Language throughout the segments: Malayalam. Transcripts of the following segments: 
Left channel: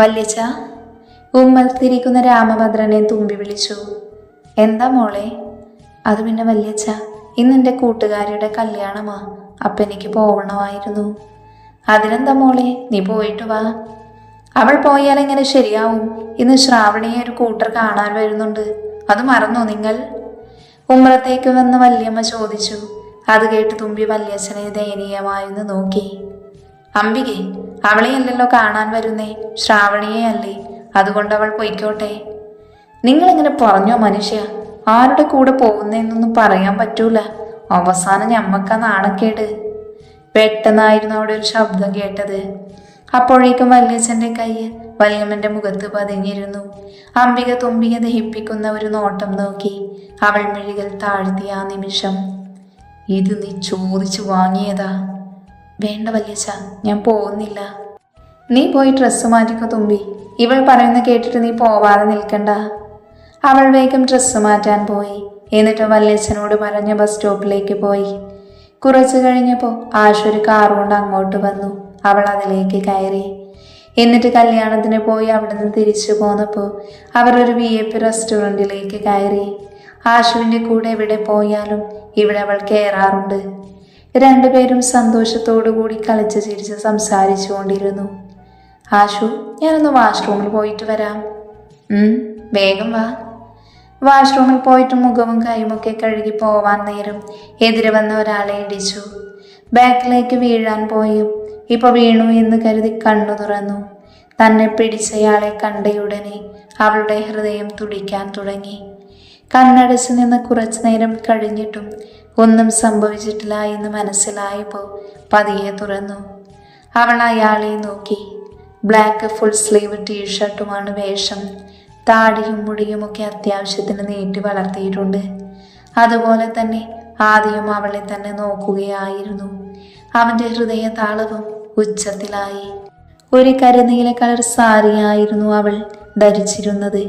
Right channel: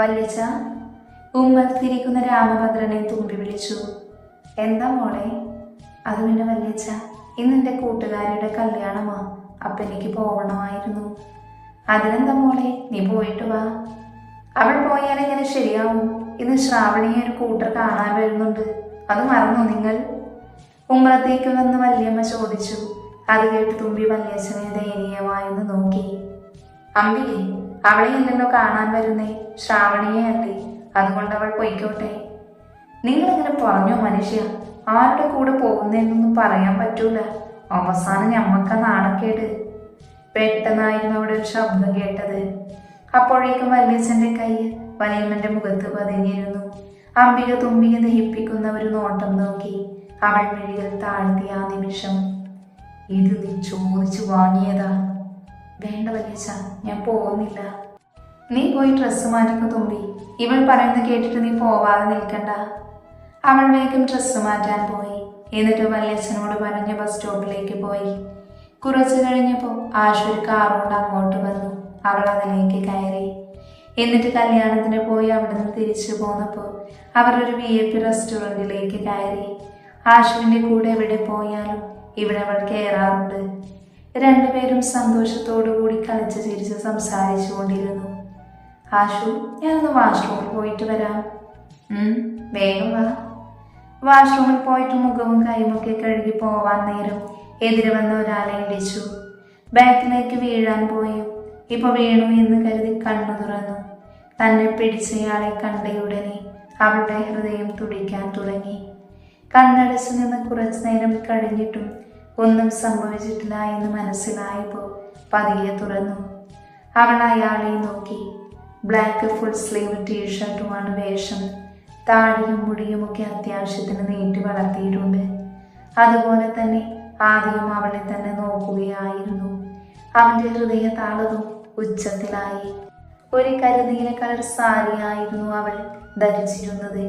വല്യച്ച. ഉമ്മത്തിരിക്കുന്ന രാമഭദ്രനെ തുമ്പി വിളിച്ചു. എന്താ മോളെ? അത് പിന്നെ വല്യച്ച, ഇന്നെൻ്റെ കൂട്ടുകാരിയുടെ കല്യാണമാ. അപ്പം എനിക്ക് പോവണമായിരുന്നു. അതിനെന്താ മോളെ, നീ പോയിട്ട് വാ. അവൾ പോയാൽ എങ്ങനെ ശരിയാവും? ഇന്ന് ശ്രാവണിയെ ഒരു കൂട്ടർ കാണാൻ വരുന്നുണ്ട്. അത് മറന്നോ നിങ്ങൾ? ഉമ്മറത്തേക്ക് വന്ന് വല്യമ്മ ചോദിച്ചു. അത് കേട്ട് തുമ്പി വല്യച്ഛനെ ദയനീയമായെന്ന് നോക്കി. അംബികെ, അവളെയല്ലല്ലോ കാണാൻ വരുന്നേ, ശ്രാവണിയെ അല്ലേ. അതുകൊണ്ട് അവൾ പൊയ്ക്കോട്ടെ. നിങ്ങളിങ്ങനെ പറഞ്ഞോ മനുഷ്യ? ആരുടെ കൂടെ പോകുന്നതെന്നൊന്നും പറയാൻ പറ്റൂല. അവസാനം ഞമ്മക്ക നാണക്കേട്. പെട്ടെന്നായിരുന്നു അവിടെ ഒരു ശബ്ദം കേട്ടത്. അപ്പോഴേക്കും വല്യച്ഛൻ്റെ കൈ വല്യമ്മന്റെ മുഖത്ത് പതിഞ്ഞിരുന്നു. അംബിക തുമ്പിയെ ദഹിപ്പിക്കുന്ന ഒരു നോട്ടം നോക്കി. അവൾ മിഴികൾ താഴ്ത്തിയ ആ നിമിഷം, ഇത് നീ ചോദിച്ചു വാങ്ങിയതാ? വേണ്ട വല്യച്ഛ, ഞാൻ പോകുന്നില്ല. നീ പോയി ഡ്രസ്സ് മാറ്റിക്കോ തുമ്പി. ഇവൾ പറയുന്ന കേട്ടിട്ട് നീ പോവാതെ നിൽക്കണ്ട. അവൾ വേഗം ഡ്രസ്സ് മാറ്റാൻ പോയി. എന്നിട്ട് വല്യച്ഛനോട് പറഞ്ഞ ബസ് സ്റ്റോപ്പിലേക്ക് പോയി. കുറച്ചു കഴിഞ്ഞപ്പോൾ ആശ ഒരു കാറുകൊണ്ട് അങ്ങോട്ട് വന്നു. അവൾ അതിലേക്ക് കയറി. എന്നിട്ട് കല്യാണത്തിന് പോയി അവിടെ നിന്ന് തിരിച്ചു പോന്നപ്പോൾ അവരൊരു VIP റെസ്റ്റോറൻറ്റിലേക്ക് കയറി. ആശുവിൻ്റെ കൂടെ എവിടെ പോയാലും ഇവിടെ അവൾ കയറാറുണ്ട്. രണ്ടുപേരും സന്തോഷത്തോടു കൂടി കളിച്ച് ചിരിച്ച് സംസാരിച്ചു കൊണ്ടിരുന്നു. ആശു, ഞാനൊന്ന് വാഷ്റൂമിൽ പോയിട്ട് വരാം. വേഗം വാ. വാഷ്റൂമിൽ പോയിട്ട് മുഖവും കൈയുമൊക്കെ കഴുകി പോവാൻ നേരം എതിരെ വന്ന ഒരാളെ ഇടിച്ചു. ബാക്കിലേക്ക് വീഴാൻ പോയും ഇപ്പോൾ വീണു എന്ന് കരുതി കണ്ണു തുറന്നു. തന്നെ പിടിച്ചയാളെ കണ്ടയുടനെ അവളുടെ ഹൃദയം തുടിക്കാൻ തുടങ്ങി. കണ്ണടച്ച് നിന്ന് കുറച്ചു നേരം കഴിഞ്ഞിട്ടും ഒന്നും സംഭവിച്ചിട്ടില്ല എന്ന് മനസ്സിലായപ്പോൾ പതിയെ തുറന്നു. അവൾ അയാളെ നോക്കി. ബ്ലാക്ക് ഫുൾ സ്ലീവ് ടീഷർട്ടുമാണ് വേഷം. താടിയും മുടിയുമൊക്കെ അത്യാവശ്യത്തിന് നീട്ടി വളർത്തിയിട്ടുണ്ട്. അതുപോലെ തന്നെ ആദ്യം അവളെ തന്നെ നോക്കുകയായിരുന്നു. അവൻ്റെ ഹൃദയ താളവും ഉച്ചത്തിലായി. ഒരു കരുനീല കളർ സാരിയായിരുന്നു അവൾ ധരിച്ചിരുന്നത്.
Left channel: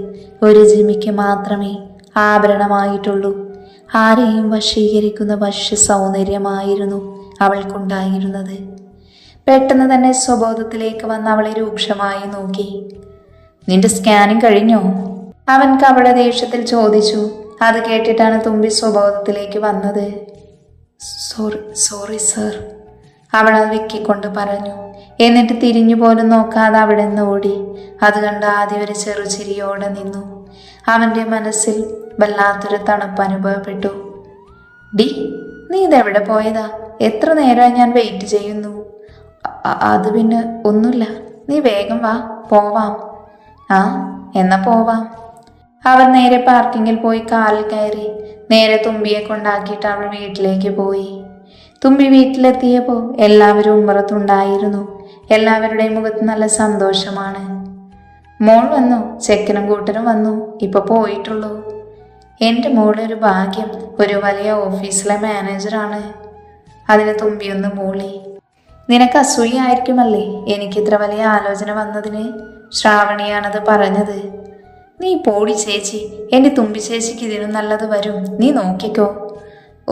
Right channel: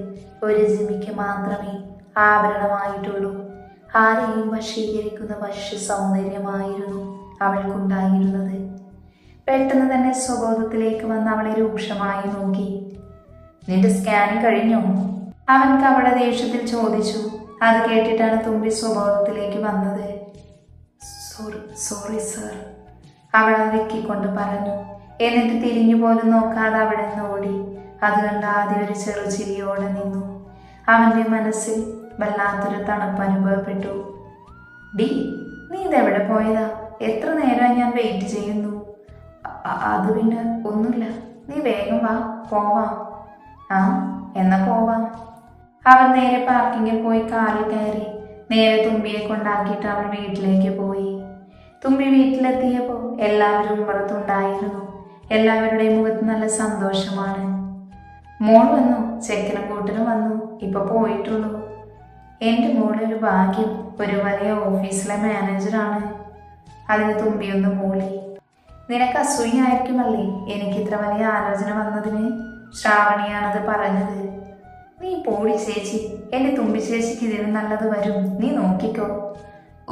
ഒരു ജിമിക്ക് മാത്രമേ ആഭരണമായിട്ടുള്ളൂ. ആരെയും വശീകരിക്കുന്ന വശ്യ സൗന്ദര്യമായിരുന്നു അവൾക്കുണ്ടായിരുന്നത്. പെട്ടെന്ന് തന്നെ സ്വബോധത്തിലേക്ക് വന്ന് അവളെ രൂക്ഷമായി നോക്കി. നിന്റെ സ്കാനിങ് കഴിഞ്ഞോ? അവൻ കപട ദേഷ്യത്തിൽ ചോദിച്ചു. അത് കേട്ടിട്ടാണ് തുമ്പി സ്വബോധത്തിലേക്ക് വന്നത്. സോറി സർ, അവൾ അത് വെക്കിക്കൊണ്ട് പറഞ്ഞു. എന്നിട്ട് തിരിഞ്ഞു പോലും നോക്കാതെ അവിടെ നിന്ന് ഓടി. അത് കണ്ട് ആദ്യം ഒരു ചെറുചിരിയോടെ നിന്നു. അവൻ്റെ മനസ്സിൽ വല്ലാത്തൊരു തണുപ്പ് അനുഭവപ്പെട്ടു. ഡി, നീ ഇതെവിടെ പോയതാ? എത്ര നേരമായി ഞാൻ വെയിറ്റ് ചെയ്യുന്നു. അത് പിന്നെ ഒന്നുമില്ല, നീ വേഗം വാ, പോവാം. ആ, എന്നാ പോവാം. അവൻ നേരെ പാർക്കിങ്ങിൽ പോയി കാറിൽ കയറി നേരെ തുമ്പിയെ കൊണ്ടാക്കിയിട്ട് അവൾ വീട്ടിലേക്ക് പോയി. തുമ്പി വീട്ടിലെത്തിയപ്പോൾ എല്ലാവരും ഉമ്മറത്തുണ്ടായിരുന്നു. എല്ലാവരുടെയും മുഖത്ത് നല്ല സന്തോഷമാണ്. മോൾ വന്നു, ചെക്കനും കൂട്ടനും വന്നു, ഇപ്പൊ പോയിട്ടുള്ളൂ. എൻ്റെ മോളൊരു ഭാഗ്യം, ഒരു വലിയ ഓഫീസിലെ മാനേജറാണ്. അതിന് തുമ്പിയൊന്ന് മൂളി. നിനക്ക് അസൂയായിരിക്കുമല്ലേ എനിക്കിത്ര വലിയ ആലോചന വന്നതിന്? ശ്രാവണിയാണത് പറഞ്ഞത്. നീ പോടി ചേച്ചി, എൻ്റെ തുമ്പി ചേച്ചിക്ക് ഇതിനും നല്ലത് വരും, നീ നോക്കിക്കോ.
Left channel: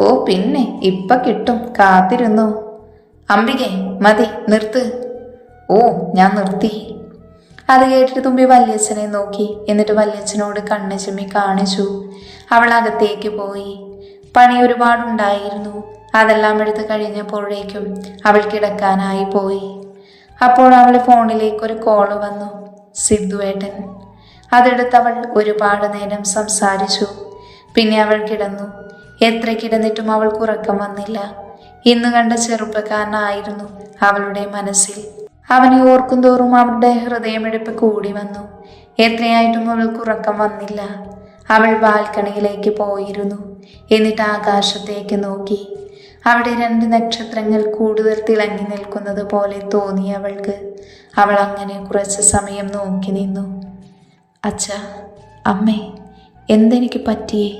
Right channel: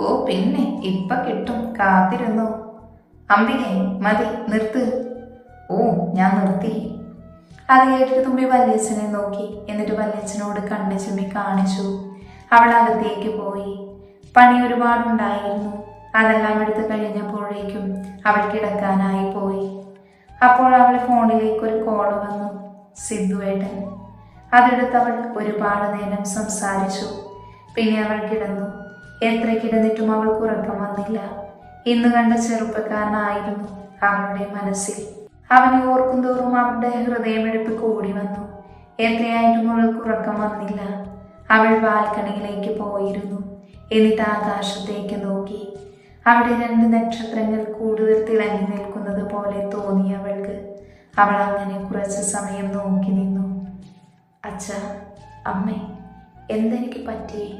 ഓ പിന്നെ ഇപ്പൊ കിട്ടും, കാത്തിരുന്നോ. അംബികെ, മതി, നിർത്ത്. ഓ, ഞാൻ നിർത്തി. അത് കേട്ടിട്ട് തുമ്പി വല്യച്ഛനെ നോക്കി. എന്നിട്ട് വല്യച്ഛനോട് കണ്ണ് ചിമ്മി കാണിച്ചു. അവൾ അകത്തേക്ക് പോയി. പണി ഒരുപാടുണ്ടായിരുന്നു. അതെല്ലാം എടുത്ത് കഴിഞ്ഞപ്പോഴേക്കും അവൾ കിടക്കാനായി പോയി. അപ്പോൾ അവൾ ഫോണിലേക്ക് ഒരു കോള് വന്നു. സിദ്ധുവേട്ടൻ. അതെടുത്തവൾ ഒരുപാട് നേരം സംസാരിച്ചു. പിന്നെ അവൾ കിടന്നു. എത്ര കിടന്നിട്ടും അവൾക്ക് ഉറക്കം വന്നില്ല. ഇന്ന് കണ്ട ചെറുപ്പക്കാരനായിരുന്നു അവളുടെ മനസ്സിൽ. അവനെ ഓർക്കും തോറും അവളുടെ ഹൃദയമിടിപ്പ് കൂടി വന്നു. എത്രയായിട്ടും അവൾക്ക് ഉറക്കം വന്നില്ല. അവൾ ബാൽക്കണിയിലേക്ക് പോയിരുന്നു. എന്നിട്ട് ആകാശത്തേക്ക് നോക്കി. അവിടെ 2 നക്ഷത്രങ്ങൾ കൂടുതൽ തിളങ്ങി നിൽക്കുന്നത് പോലെ തോന്നി അവൾക്ക്. അവൾ അങ്ങനെ കുറച്ച് സമയം നോക്കി നിന്നു. അച്ഛാ, അമ്മേ, എന്തെനിക്ക് പറ്റിയേ?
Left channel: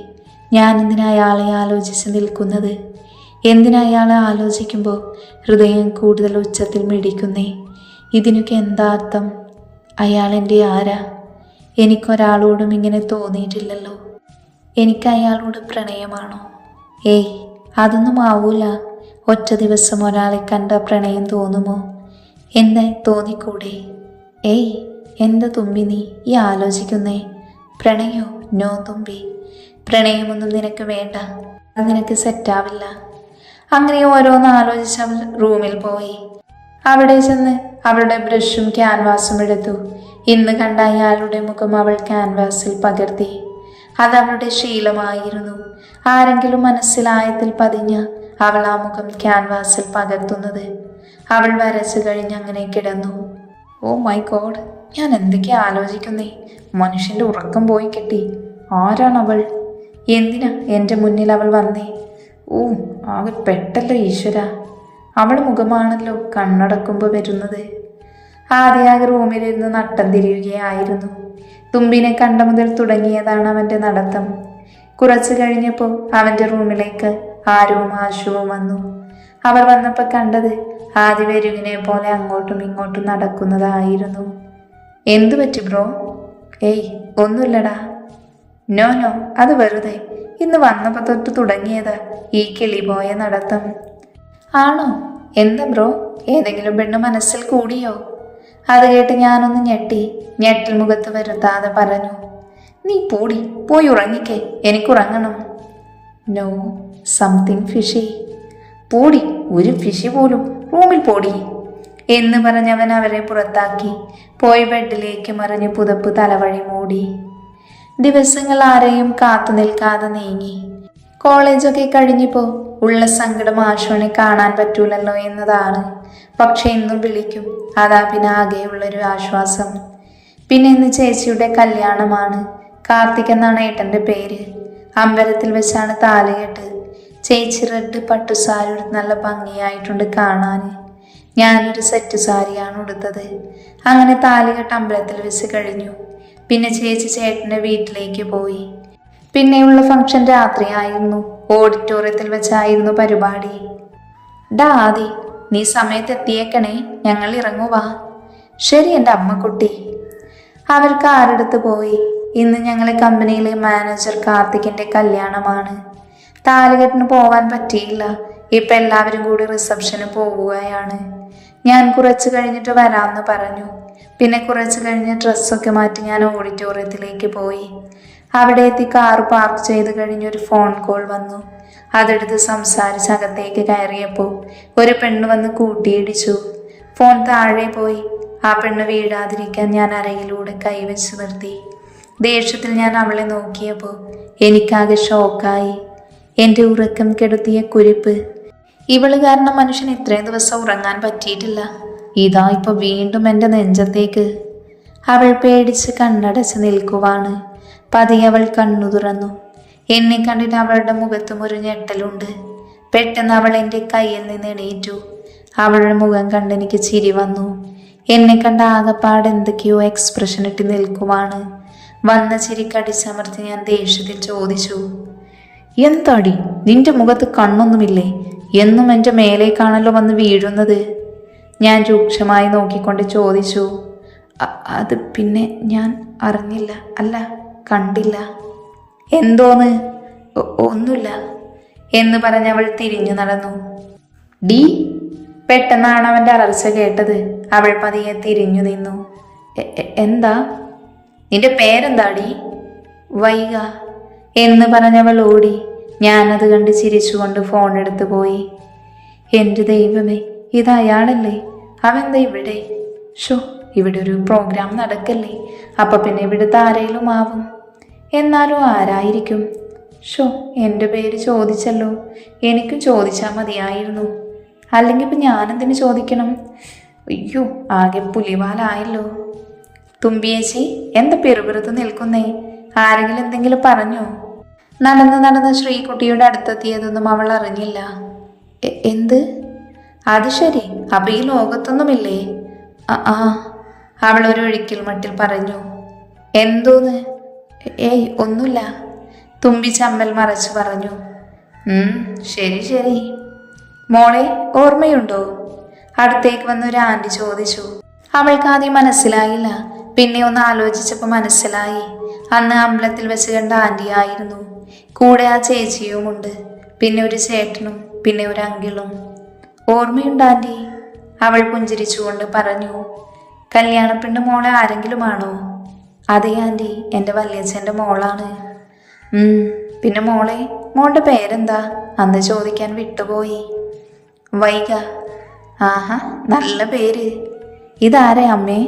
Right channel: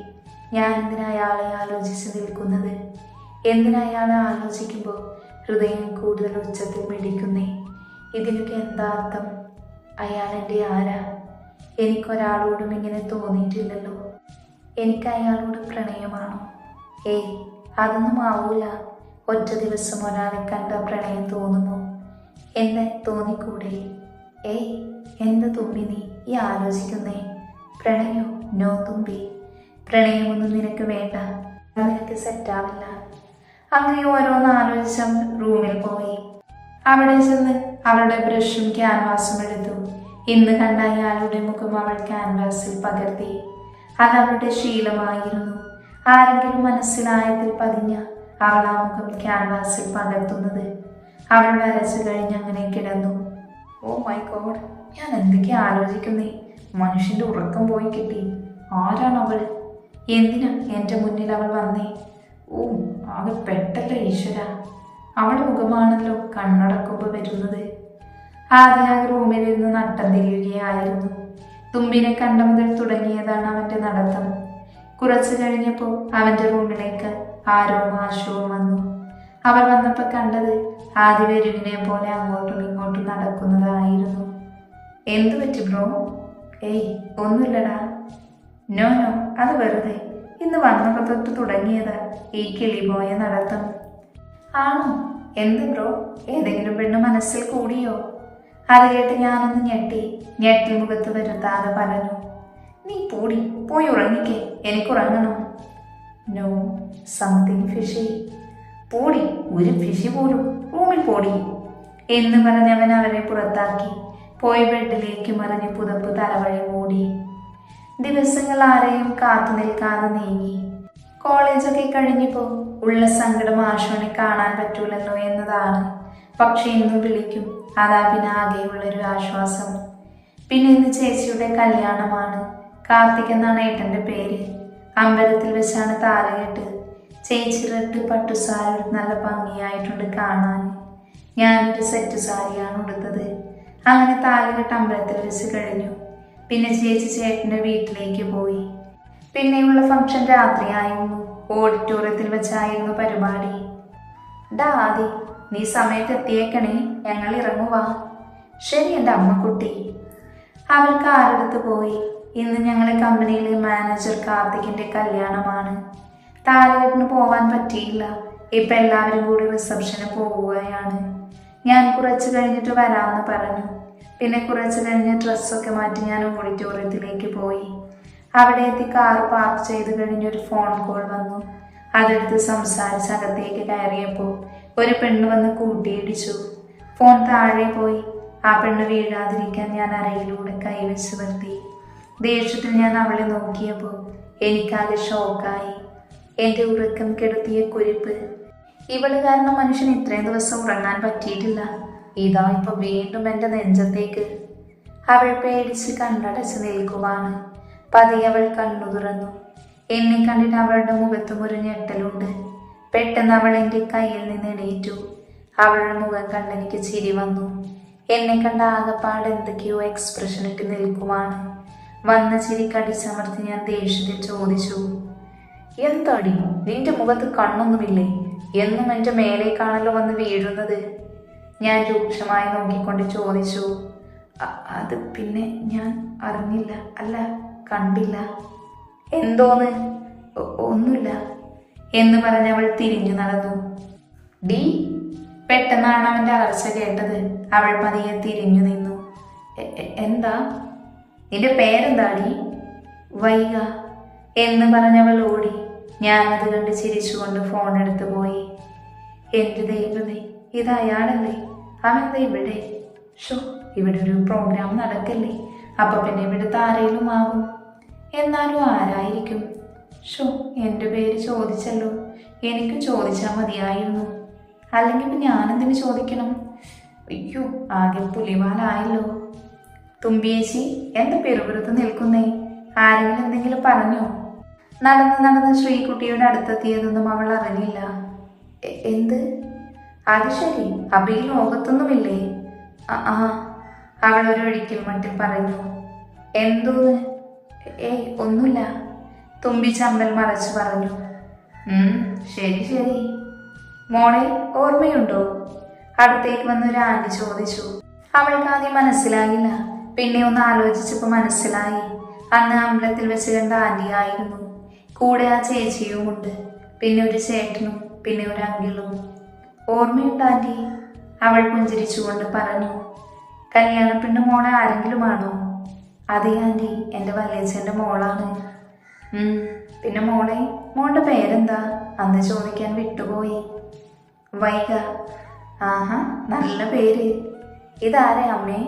ഞാൻ എന്തിനാ അയാളെ ആലോചിച്ച് നിൽക്കുന്നത്? എന്തിനാ അയാളെ ആലോചിക്കുമ്പോൾ ഹൃദയം കൂടുതൽ ഉച്ചത്തിൽ മിടിക്കുന്നേ? ഇതിനൊക്കെ എന്താ അർത്ഥം? അയാൾ എൻ്റെ ആരാ? എനിക്കൊരാളോടും ഇങ്ങനെ തോന്നിയിട്ടില്ലല്ലോ. എനിക്ക് അയാളോട് പ്രണയമാണോ? ഏയ്, അതൊന്നും ആവൂല. ഒറ്റ ദിവസം ഒരാളെ കണ്ട പ്രണയം തോന്നുമോ? എന്നെ തോന്നിക്കൂടെ? ഏയ്, എന്താ തുമ്പി ഈ ആലോചിക്കുന്നേ? പ്രണയോ? നോ തുമ്പി, പ്രണയമൊന്നും നിനക്ക് വേണ്ട, അത് നിനക്ക് സെറ്റാവില്ല. അങ്ങനെ ഓരോന്ന് ആലോചിച്ച് അവൾ റൂമിൽ പോയി. അവിടെ ചെന്ന് അവളുടെ ബ്രഷും ക്യാൻവാസും എടുത്തു. ഇന്ന് കണ്ട അയാളുടെ മുഖം അവൾ ക്യാൻവാസിൽ പകർത്തി. അതവളുടെ ശീലമായിരുന്നു. ആരെങ്കിലും മനസ്സിലായത്തിൽ പതിഞ്ഞ അവൾ ആ മുഖം ക്യാൻവാസിൽ പകർത്തുന്നത്. അവൾ വരച്ചു കഴിഞ്ഞ് അങ്ങനെ കിടന്നു. ഓ മൈ ഗോഡ്, ഞാൻ എന്തൊക്കെയാ ആലോചിക്കുന്നേ? മനുഷ്യൻ്റെ ഉറക്കം പോയി കിട്ടി. ആരാണവൾ? എന്തിനാ എൻ്റെ മുന്നിൽ അവൾ വന്നേ? ഓ, ആകെ പെട്ടല്ലോ ഈശ്വര. അവൾ മുഖമാണല്ലോ കണ്ണടക്കുമ്പോൾ വരുന്നത്. ആദ്യമാകെ റൂമിലിരുന്ന് നട്ടം തിരിയുകയായിരുന്നു. തുമ്പിനെ കണ്ട മുതൽ തുടങ്ങിയതാണ് അവൻ്റെ നടത്തം. കുറച്ചു കഴിഞ്ഞപ്പോൾ അവൻ്റെ റൂമിലേക്ക് ആരവും ആശുവും വന്നു. അവർ വന്നപ്പോൾ കണ്ടത് ആദ്യ വെരുവിനെ പോലെ അങ്ങോട്ടും ഇങ്ങോട്ടും നടക്കുന്നതായിരുന്നു. എന്തു പറ്റി ബ്രോ? ഏയ് ഒന്നുമില്ലടാ. നോ നോ, അത് വെറുതെ ഇന്ന് വന്നപ്പോൾ തൊട്ട് തുടങ്ങിയതാ ഈ കിളി പോയ നടത്തം. ആണോ? എന്താ ബ്രോ, ഏതെങ്കിലും പെണ്ണ് മനസ്സിൽ കൂടിയോ? അത് കേട്ട് ഞാനൊന്ന് ഞെട്ടിൽ മുഖത്ത് വരുത്താതെ പറഞ്ഞു, നീ പോയി ഉറങ്ങിക്കേ, എനിക്കുറങ്ങണം. No, something fishy. പോടി, ഒരു ഫിഷി പോലും റൂമിൽ പോടി എന്ന് പറഞ്ഞവൻ അവരെ പുറത്താക്കി. പോയി ബെഡിലേക്ക് മറിഞ്ഞ് പുതപ്പ് തലവഴി മൂടി. ദിവസങ്ങൾ ആരെയും കാത്തു നിൽക്കാതെ നീങ്ങി. കോളേജൊക്കെ കഴിഞ്ഞപ്പോൾ ഉള്ള സങ്കടം ആശുവിനെ കാണാൻ പറ്റൂലല്ലോ എന്നതാണ്. പക്ഷെ ഇന്നും വിളിക്കും, അതാ പിന്നെ ആകെയുള്ളൊരു ആശ്വാസം. പിന്നെ ഇന്ന് ചേച്ചിയുടെ കല്യാണമാണ്. കാർത്തിക് എന്നാണ് ഏട്ടൻ്റെ പേര്. അമ്പലത്തിൽ വെച്ചാണ് താലികെട്ട്. ചേച്ചി റെഡ് പട്ടുസാരി എടുത്ത് നല്ല ഭംഗിയായിട്ടുണ്ട് കാണാൻ. ഞാനൊരു സെറ്റ് സാരിയാണ് ഉടുത്തത്. അങ്ങനെ താലികെട്ട് അമ്പലത്തിൽ വെച്ച് കഴിഞ്ഞു. പിന്നെ ചേച്ചി ചേട്ടൻ്റെ വീട്ടിലേക്ക് പോയി. പിന്നെയുള്ള ഫംഗ്ഷൻ രാത്രിയായിരുന്നു. ഓഡിറ്റോറിയത്തിൽ വെച്ചായിരുന്നു പരിപാടി. ഡാ ആദി, നീ സമയത്ത് എത്തിയേക്കണേ, ഞങ്ങൾ ഇറങ്ങുവാ. ശരി എൻ്റെ അമ്മക്കുട്ടി. അവർ കാറെടുത്ത് പോയി. ഇന്ന് ഞങ്ങളെ കമ്പനിയിലെ മാനേജർ കാർത്തികിൻ്റെ കല്യാണമാണ്. താലികെട്ടിന് പോവാൻ പറ്റിയില്ല. ഇപ്പം എല്ലാവരും കൂടി റിസപ്ഷന് പോവുകയാണ്. ഞാൻ കുറച്ച് കഴിഞ്ഞിട്ട് വരാമെന്ന് പറഞ്ഞു. പിന്നെ കുറച്ച് കഴിഞ്ഞ് ഡ്രസ്സൊക്കെ മാറ്റി ഞാൻ ഓഡിറ്റോറിയത്തിലേക്ക് പോയി. അവിടെ എത്തി കാർ പാർക്ക് ചെയ്ത് കഴിഞ്ഞൊരു ഫോൺ കോൾ വന്നു. അതെടുത്ത് സംസാരിച്ച് അകത്തേക്ക് കയറിയപ്പോൾ ഒരു പെണ്ണ് വന്ന് കൂട്ടിയിടിച്ചു. ഫോൺ താഴെ പോയി. ആ പെണ്ണ് വീഴാതിരിക്കാൻ ഞാൻ അരയിലൂടെ കൈവച്ച് നിർത്തി. ദേഷ്യത്തിൽ ഞാൻ അവളെ നോക്കിയപ്പോൾ എനിക്കാകെ ഷോക്കായി. എൻ്റെ ഉറക്കം കെടുത്തിയ കുരിപ്പ്. ഇവള് കാരണം മനുഷ്യൻ ഇത്രയും ദിവസം ഉറങ്ങാൻ പറ്റിയിട്ടില്ല. ഇതാ ഇപ്പൊ വീണ്ടും എൻ്റെ നെഞ്ചത്തേക്ക്. അവൾ പേടിച്ച് കണ്ണടച്ച് നിൽക്കുവാണ്. പതിയെ അവൾ കണ്ണു തുറന്നു. എന്നെ കണ്ടിട്ട് അവളുടെ മുഖത്തും ഒരു ഞെട്ടലുണ്ട്. പെട്ടെന്ന് അവൾ എൻ്റെ കയ്യിൽ നിന്ന് എണീറ്റു. അവളുടെ മുഖം കണ്ട് എനിക്ക് ചിരി വന്നു. എന്നെ കണ്ട ആകപ്പാട് എന്തൊക്കെയോ എക്സ്പ്രഷൻ ഇട്ട് നിൽക്കുവാണ്. വന്ന ചിരി കടിച്ചമർത്തി ഞാൻ ദേഷ്യത്തിൽ ചോദിച്ചു, എന്താടി നിന്റെ മുഖത്ത് കണ്ണൊന്നുമില്ലേ? എന്നും എൻ്റെ മേലേക്കാണല്ലോ വന്ന് വീഴുന്നത്. ഞാൻ രൂക്ഷമായി നോക്കിക്കൊണ്ട് ചോദിച്ചു, അത് പിന്നെ ഞാൻ അറിഞ്ഞില്ല, അല്ല കണ്ടില്ല. എന്തോന്ന്? ഒന്നുമില്ല എന്ന് പറഞ്ഞവൾ തിരിഞ്ഞു നടന്നു. ഡി. പെട്ടെന്നാണ് അവൻ്റെ അലർച്ച കേട്ടത്. അവൾ പതിയെ തിരിഞ്ഞു നിന്നു. എന്താ? നിന്റെ പേരെന്താടി? വൈക എന്ന് പറഞ്ഞവൾ ഓടി. ഞാനത് കണ്ട് ചിരിച്ചുകൊണ്ട് ഫോൺ എടുത്തു പോയി. എൻ്റെ ദൈവമേ, ഇത് അയാളല്ലേ? അവെന്താ ഇവിടെ? ഇവിടെ ഒരു പ്രോഗ്രാം നടക്കല്ലേ, അപ്പം പിന്നെ ഇവിടുത്തെ ആരേലും ആവും. എന്നാലും ആരായിരിക്കും? എൻ്റെ പേര് ചോദിച്ചല്ലോ. എനിക്ക് ചോദിച്ചാൽ മതിയായിരുന്നു. അല്ലെങ്കിൽ ഇപ്പം ഞാനെന്തിനു ചോദിക്കണം? അയ്യോ, ആകെ പുലിവാലായല്ലോ. തുമ്പിയേച്ചി, എന്താ പെറുപിറുത്ത് നിൽക്കുന്നേ? ആരെങ്കിലും എന്തെങ്കിലും പറഞ്ഞോ? നടന്ന് ശ്രീകുട്ടിയുടെ അടുത്തെത്തിയതൊന്നും അവൾ അറിഞ്ഞില്ല. എന്ത്? അത് ശരി, അപ്പം ഈ ലോകത്തൊന്നുമില്ലേ? അവൾ ഒരു ഒഴിക്കൽ മട്ടിൽ പറഞ്ഞു. എന്തോന്ന്? ഏയ് ഒന്നുമില്ല, തുമ്പി ചമ്മൽ മറച്ച് പറഞ്ഞു. ശരി. മോളെ ഓർമ്മയുണ്ടോ? അടുത്തേക്ക് വന്നൊരു ആൻറ്റി ചോദിച്ചു. അവൾക്ക് ആദ്യം മനസ്സിലായില്ല. പിന്നെ ഒന്ന് ആലോചിച്ചപ്പോൾ മനസ്സിലായി. അന്ന് അമ്പലത്തിൽ വെച്ച് കണ്ട ആൻറ്റി ആയിരുന്നു. കൂടെ ആ ചേച്ചിയുമുണ്ട്. പിന്നെ ഒരു ചേട്ടനും പിന്നെ ഒരു അങ്കിളും. ഓർമ്മയുണ്ട് ആൻറ്റി? അവൾ പുഞ്ചിരിച്ചുകൊണ്ട് പറഞ്ഞു. കല്യാണപ്പെണ്ണ് മോളെ ആരെങ്കിലുമാണോ? അതെ ആൻറ്റി, എൻ്റെ വല്യച്ഛൻ്റെ മോളാണ്. പിന്നെ മോളുടെ പേരെന്താ? അന്ന് ചോദിക്കാൻ വിട്ടുപോയി. വൈഗ. ആഹാ, നല്ല പേര്. ഇതാരെ അമ്മേ?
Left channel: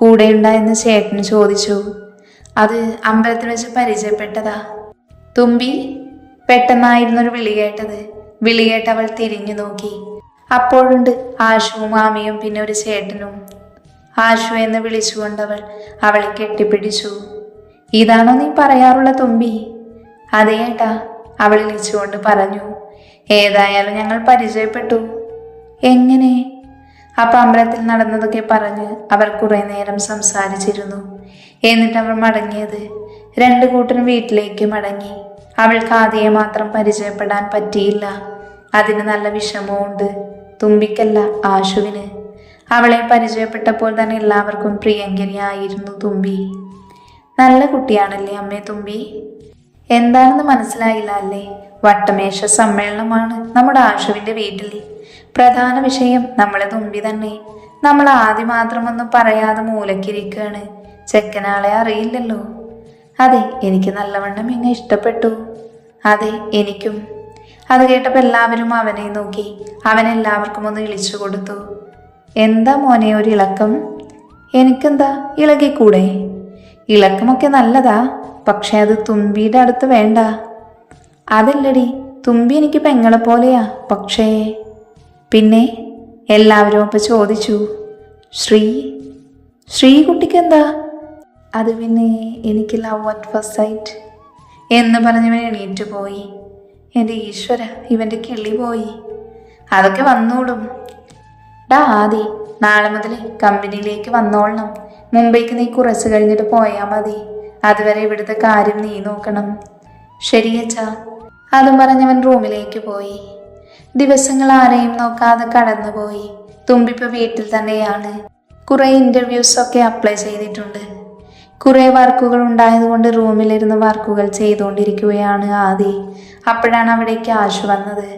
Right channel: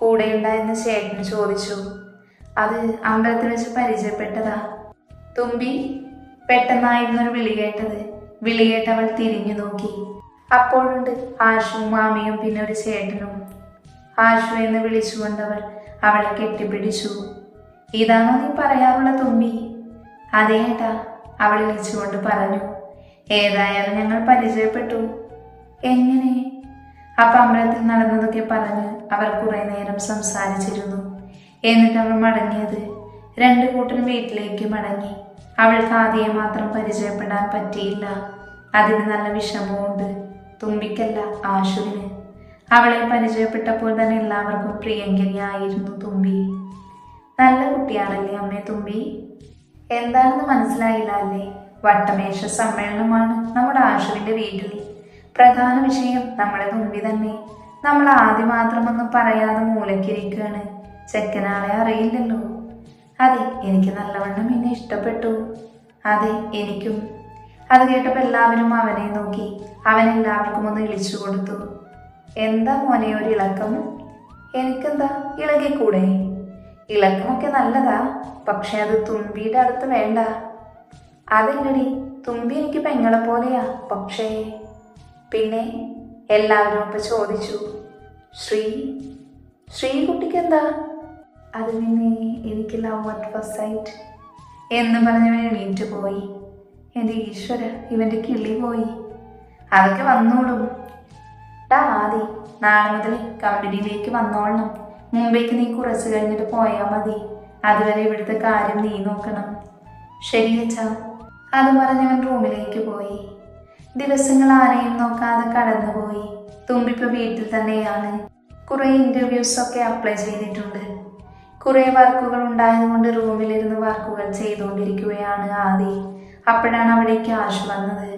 കൂടെയുണ്ടായെന്ന് ചേട്ടന് ചോദിച്ചു. അത് അമ്പലത്തിൽ വെച്ച് പരിചയപ്പെട്ടതാ. തുമ്പി. പെട്ടെന്നായിരുന്നൊരു വിളി കേട്ടത്. വിളി കേട്ട് അവൾ തിരിഞ്ഞു നോക്കി. അപ്പോഴുണ്ട് ആശുവും മാമിയും പിന്നെ ഒരു ചേട്ടനും. ആശു എന്ന് വിളിച്ചുകൊണ്ടവൾ അവളെ കെട്ടിപ്പിടിച്ചു. ഇതാണോ നീ പറയാറുള്ള തുമ്പി? അതേ ഏട്ടാ, അവൾ വിളിച്ചുകൊണ്ട് പറഞ്ഞു. ഏതായാലും ഞങ്ങൾ പരിചയപ്പെട്ടു. എങ്ങനെ? അപ്പൊ അമ്പലത്തിൽ നടന്നതൊക്കെ പറഞ്ഞ് അവർ കുറെ നേരം സംസാരിച്ചിരുന്നു. എന്നിട്ട് അവൾ മടങ്ങിയത്. രണ്ടു കൂട്ടരും വീട്ടിലേക്ക് മടങ്ങി. അവൾക്ക് ആദ്യം മാത്രം പരിചയപ്പെടാൻ പറ്റിയില്ല. അതിന് നല്ല വിഷമവുമുണ്ട്. തുമ്പിക്കല്ല, ആശുവിന്. അവളെ പരിചയപ്പെട്ടപ്പോൾ തന്നെ എല്ലാവർക്കും പ്രിയങ്കരിയായിരുന്നു തുമ്പി. നല്ല കുട്ടിയാണല്ലേ അമ്മേ തുമ്പി? എന്താണെന്ന് മനസ്സിലായില്ല അല്ലേ? വട്ടമേശ സമ്മേളനമാണ് നമ്മുടെ ആശുവിൻ്റെ വീട്ടിൽ. പ്രധാന വിഷയം നമ്മളെ തുമ്പി തന്നെ. നമ്മൾ ആദ്യം മാത്രമൊന്നും പറയാതെ മൂലക്കിരിക്കുകയാണ്. ചെക്കനാളെ അറിയില്ലല്ലോ. അതെ, എനിക്ക് നല്ലവണ്ണം എന്നെ ഇഷ്ടപ്പെട്ടു. അതെ, എനിക്കും. അത് കേട്ടപ്പോൾ എല്ലാവരും അവനെ നോക്കി. അവൻ എല്ലാവർക്കും ഒന്ന് ഇളിച്ചു കൊടുത്തു. എന്താ മോനെ ഒരു ഇളക്കം? എനിക്കെന്താ, ഇളകിക്കൂടെ? ഇളക്കമൊക്കെ നല്ലതാ, പക്ഷെ അത് തുമ്പിയുടെ അടുത്ത് വേണ്ട. അതല്ലടി, തുമ്പി എനിക്ക് പെങ്ങളെ പോലെയാ. പക്ഷേ പിന്നെ എല്ലാവരും ഇപ്പം ചോദിച്ചു. ശ്രീകുട്ടിക്ക് എന്താ? അത് പിന്നെ എനിക്ക് ലവ് അറ്റ് ഫസ്റ്റ് സൈറ്റ് എന്ന് പറഞ്ഞവൻ എണീറ്റ് പോയി. എൻ്റെ ഈശ്വര, ഇവൻ്റെ കിളി പോയി. അതൊക്കെ വന്നോളും. ഡാ ആദി, നാളെ മുതൽ കമ്പനിയിലേക്ക് വന്നോളണം. മുംബൈക്ക് നീ കുറച്ച് കഴിഞ്ഞിട്ട് പോയാൽ മതി. അതുവരെ ഇവിടുത്തെ കാര്യം നീ നോക്കണം. ശരിയച്ചാ. അതും പറഞ്ഞവൻ റൂമിലേക്ക് പോയി. ദിവസങ്ങൾ ആരെയും നോക്കാതെ കടന്നുപോയി. തുമ്പിപ്പോൾ വീട്ടിൽ തന്നെയാണ്. കുറേ ഇൻ്റർവ്യൂസൊക്കെ അപ്ലൈ ചെയ്തിട്ടുണ്ട്. കുറേ വർക്കുകൾ ഉണ്ടായതുകൊണ്ട് റൂമിലിരുന്ന് വർക്കുകൾ ചെയ്തുകൊണ്ടിരിക്കുകയാണ് ആദി. അപ്പോഴാണ് അവിടേക്ക് ആശു വന്നത്.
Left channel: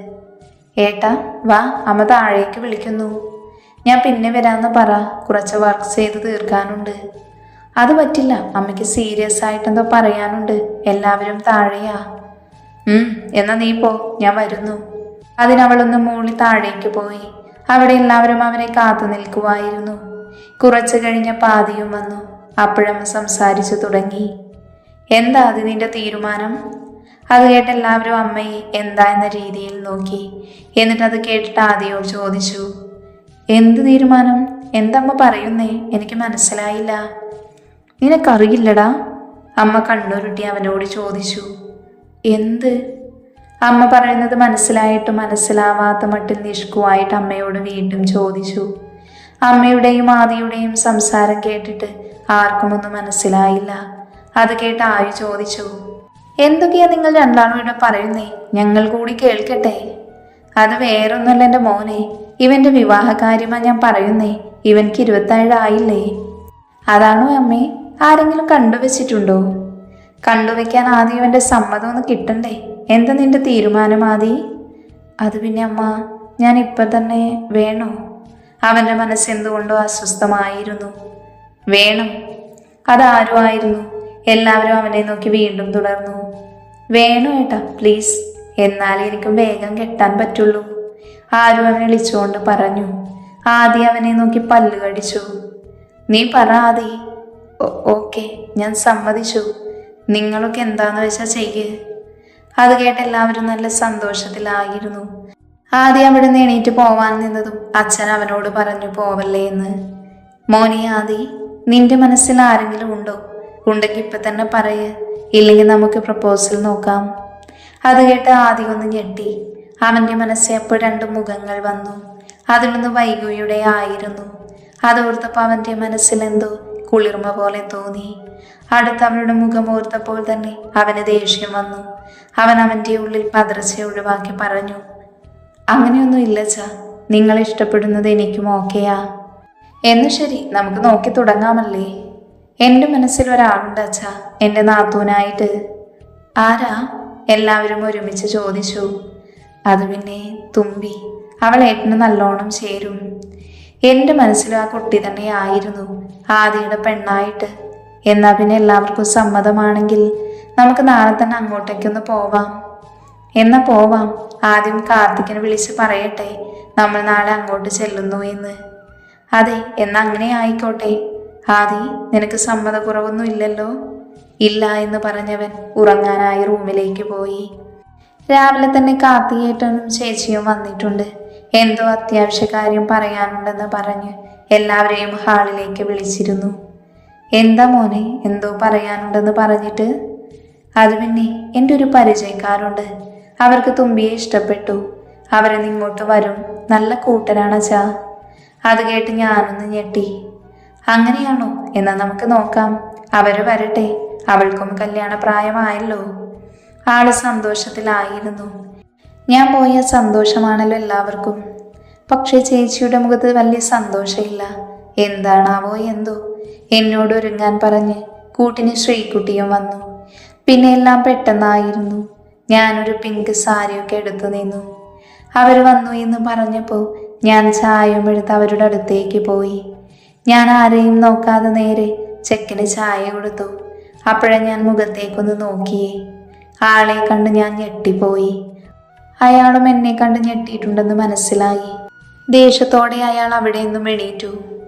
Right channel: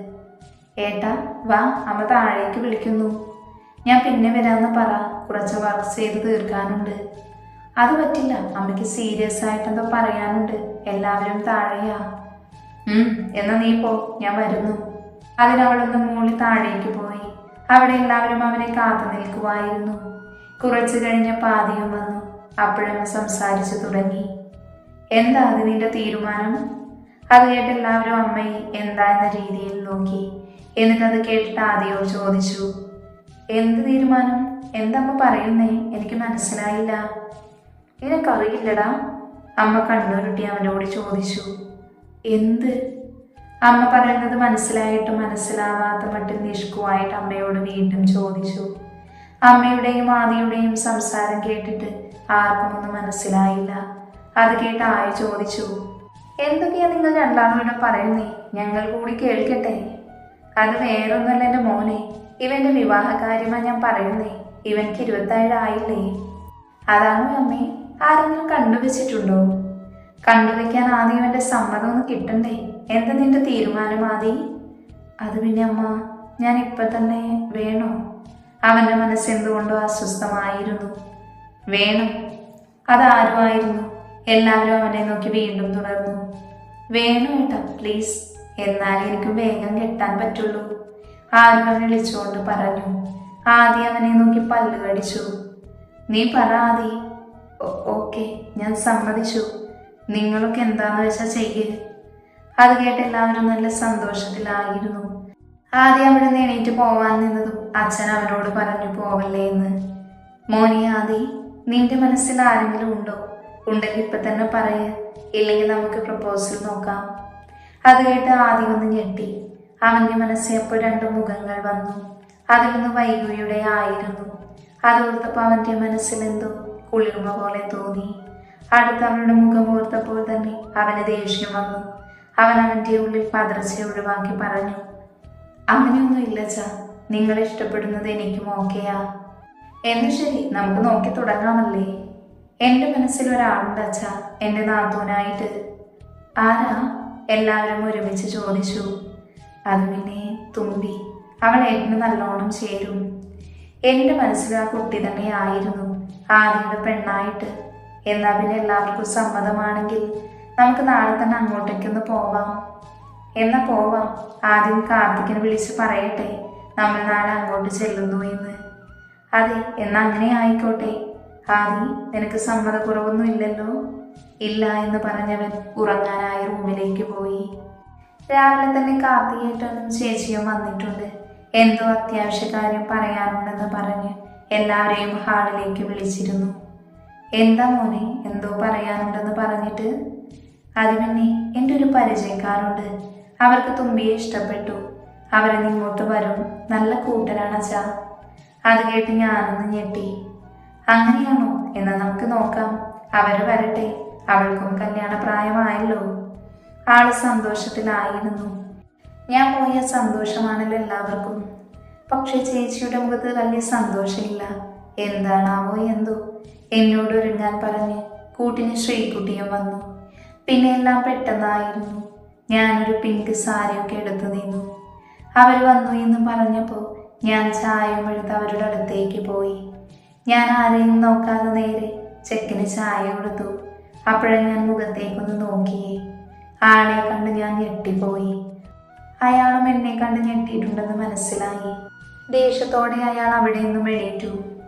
ഏട്ടാ വാ, അമ്മ താഴേക്ക് വിളിക്കുന്നു. ഞാൻ പിന്നെ വരാമെന്ന് പറ, കുറച്ച് വർക്ക് ചെയ്ത് തീർക്കാനുണ്ട്. അത് പറ്റില്ല, അമ്മയ്ക്ക് സീരിയസ് ആയിട്ടെന്തോ പറയാനുണ്ട്. എല്ലാവരും താഴെയാ. എന്നാ നീ പോ, ഞാൻ വരുന്നു. അതിനവളൊന്ന് മൂളി താഴേക്ക് പോയി. അവിടെ എല്ലാവരും അവനെ കാത്തു നിൽക്കുമായിരുന്നു. കുറച്ച് കഴിഞ്ഞ പാതിയും വന്നു. അപ്പോഴമ്മ സംസാരിച്ചു തുടങ്ങി. എന്താ അത് നിന്റെ തീരുമാനം? അത് കേട്ട് എല്ലാവരും അമ്മയെ എന്താ എന്ന രീതിയിൽ നോക്കി. എന്നിട്ടത് കേട്ടിട്ട് ആദ്യവും ചോദിച്ചു. എന്ത് തീരുമാനം? എന്തമ്മ പറയുന്നേ? എനിക്ക് മനസ്സിലായില്ല. നിനക്കറിയില്ലടാ? അമ്മ കണ്ണുരുട്ടി അവനോട് ചോദിച്ചു. എന്ത്? അമ്മ പറയുന്നത് മനസ്സിലായിട്ട് മനസ്സിലാവാത്ത മട്ടിൽ നിഷ്കുവായിട്ട് അമ്മയോട് വീണ്ടും ചോദിച്ചു. അമ്മയുടെയും ആദിയുടെയും സംസാരം കേട്ടിട്ട് ആർക്കും ഒന്നും മനസ്സിലായില്ല. അത് കേട്ട് ആയു ചോദിച്ചു. എന്തൊക്കെയാ നിങ്ങൾ രണ്ടാളും ഇവിടെ പറയുന്നേ? ഞങ്ങൾ കൂടി കേൾക്കട്ടെ. അത് വേറൊന്നുമല്ല എൻ്റെ മോനെ, ഇവൻ്റെ വിവാഹകാര്യമാ ഞാൻ പറയുന്നേ. ഇവൻക്ക് 27 ആയില്ലേ? അതാണോ അമ്മേ? ആരെങ്കിലും കണ്ടുവച്ചിട്ടുണ്ടോ? കണ്ടുവയ്ക്കാൻ ആദ്യം ഇവൻ്റെ സമ്മതം ഒന്ന് കിട്ടണ്ടേ? എന്താ നിന്റെ തീരുമാനം ആദി? അത് പിന്നെ അമ്മ, ഞാൻ ഇപ്പം തന്നെ വേണോ? അവൻ്റെ മനസ്സെന്തുകൊണ്ടോ അസ്വസ്ഥമായിരുന്നു. വേണം. അതാരും ആയിരുന്നു? എല്ലാവരും അവനെ നോക്കി വീണ്ടും തുടർന്നു. വേണോ ഏട്ടാ, പ്ലീസ്. എന്നാലേ എനിക്കും വേഗം കെട്ടാൻ പറ്റുള്ളൂ. ആരും അവനെ വിളിച്ചുകൊണ്ട് പറഞ്ഞു. ആദി അവനെ നോക്കി പല്ല് കടിച്ചു. നീ പറ ആദി. ഓക്കെ, ഞാൻ സമ്മതിച്ചു. നിങ്ങളൊക്കെ എന്താന്ന് വെച്ചാൽ ചെയ്യ്. അത് കേട്ട് എല്ലാവരും നല്ല സന്തോഷത്തിലായിരുന്നു. ആദ്യം അവിടെ നിന്ന് എണീറ്റ് പോവാൻ നിന്നതും അച്ഛൻ അവനോട് പറഞ്ഞു പോവല്ലേ എന്ന്. മോനെ ആദി, നിന്റെ മനസ്സിൽ ആരെങ്കിലും ഉണ്ടോ? ഉണ്ടെങ്കിൽ ഇപ്പം തന്നെ പറയ്, ഇല്ലെങ്കിൽ നമുക്ക് പ്രപ്പോസൽ നോക്കാം. അത് കേട്ട് ആദ്യം ഒന്ന് ഞെട്ടി. അവൻ്റെ മനസ്സിൽ അപ്പോൾ 2 മുഖങ്ങൾ വന്നു. അതിലൊന്ന് വൈഗയുടെ ആയിരുന്നു. അതോർത്തപ്പോൾ അവൻ്റെ മനസ്സിൽ എന്തോ കുളിർമ പോലെ തോന്നി. അടുത്ത് അവളുടെ മുഖം ഓർത്തപ്പോൾ തന്നെ അവന് ദേഷ്യം വന്നു. അവൻ അവൻ്റെ ഉള്ളിൽ പതർച്ച ഒഴിവാക്കി പറഞ്ഞു. അങ്ങനെയൊന്നും ഇല്ലച്ചാ, നിങ്ങളെ ഇഷ്ടപ്പെടുന്നത് എനിക്കും ഓക്കെയാ. എന്ന് ശരി, നമുക്ക് നോക്കി തുടങ്ങാമല്ലേ? എൻ്റെ മനസ്സിൽ ഒരാളുണ്ട് അച്ഛാ, എൻ്റെ നാത്തൂനായിട്ട്. ആരാ? എല്ലാവരും ഒരുമിച്ച് ചോദിച്ചു. അത് പിന്നെ തുമ്പി. അവൾ ഏട്ടന് നല്ലോണം ചേരും. എൻ്റെ മനസ്സിലും ആ കുട്ടി തന്നെയായിരുന്നു ആദിയുടെ പെണ്ണായിട്ട്. എന്നാൽ പിന്നെ എല്ലാവർക്കും സമ്മതമാണെങ്കിൽ നമുക്ക് നാളെ തന്നെ അങ്ങോട്ടേക്കൊന്ന് പോവാം. എന്നാ പോവാം. ആദ്യം കാർത്തിക്കിനെ വിളിച്ച് പറയട്ടെ നമ്മൾ നാളെ അങ്ങോട്ട് ചെല്ലുന്നു എന്ന്. അതെ, എന്നാ അങ്ങനെ ആയിക്കോട്ടെ. ആദി, നിനക്ക് സമ്മതക്കുറവൊന്നും ഇല്ലല്ലോ? ഇല്ല എന്ന് പറഞ്ഞവൻ ഉറങ്ങാനായി റൂമിലേക്ക് പോയി. രാവിലെ തന്നെ കാർത്തികേട്ടനും ചേച്ചിയും വന്നിട്ടുണ്ട്. എന്തോ അത്യാവശ്യ കാര്യം പറയാനുണ്ടെന്ന് പറഞ്ഞ് എല്ലാവരെയും ഹാളിലേക്ക് വിളിച്ചിരുന്നു. എന്താ മോനെ, എന്തോ പറയാനുണ്ടെന്ന് പറഞ്ഞിട്ട്? അത് പിന്നെ എൻ്റെ ഒരു പരിചയക്കാരുണ്ട്, അവർക്ക് തുമ്പിയെ ഇഷ്ടപ്പെട്ടു. അവരെ ഇങ്ങോട്ട് വരും, നല്ല കൂട്ടരാണച്ചാ. അത് കേട്ട് ഞാനൊന്ന് ഞെട്ടി. അങ്ങനെയാണോ? എന്നാൽ നമുക്ക് നോക്കാം. അവര് വരട്ടെ, അവൾക്കും കല്യാണ പ്രായമായല്ലോ. ആള് സന്തോഷത്തിലായിരുന്നു. ഞാൻ പോയ സന്തോഷമാണല്ലോ എല്ലാവർക്കും. പക്ഷെ ചേച്ചിയുടെ മുഖത്ത് വലിയ സന്തോഷമില്ല. എന്താണാവോ എന്തോ. എന്നോട് ഒരുങ്ങാൻ പറഞ്ഞ് കൂട്ടിന് ശ്രീകുട്ടിയും വന്നു. പിന്നെ എല്ലാം പെട്ടെന്നായിരുന്നു. ഞാനൊരു പിങ്ക് സാരിയൊക്കെ എടുത്തു നിന്നു. അവർ വന്നു എന്ന് പറഞ്ഞപ്പോൾ ഞാൻ ചായയും എടുത്ത് അവരുടെ അടുത്തേക്ക് പോയി. ഞാൻ ആരെയും നോക്കാതെ നേരെ ചെക്കന് ചായ കൊടുത്തു. അപ്പോഴേ ഞാൻ മുഖത്തേക്കൊന്ന് നോക്കിയേ. ആളെ കണ്ട് ഞാൻ ഞെട്ടിപ്പോയി. അയാളും എന്നെ കണ്ട് ഞെട്ടിയിട്ടുണ്ടെന്ന് മനസ്സിലായി. ദേഷ്യത്തോടെ അയാൾ അവിടെ നിന്നും എണീറ്റു.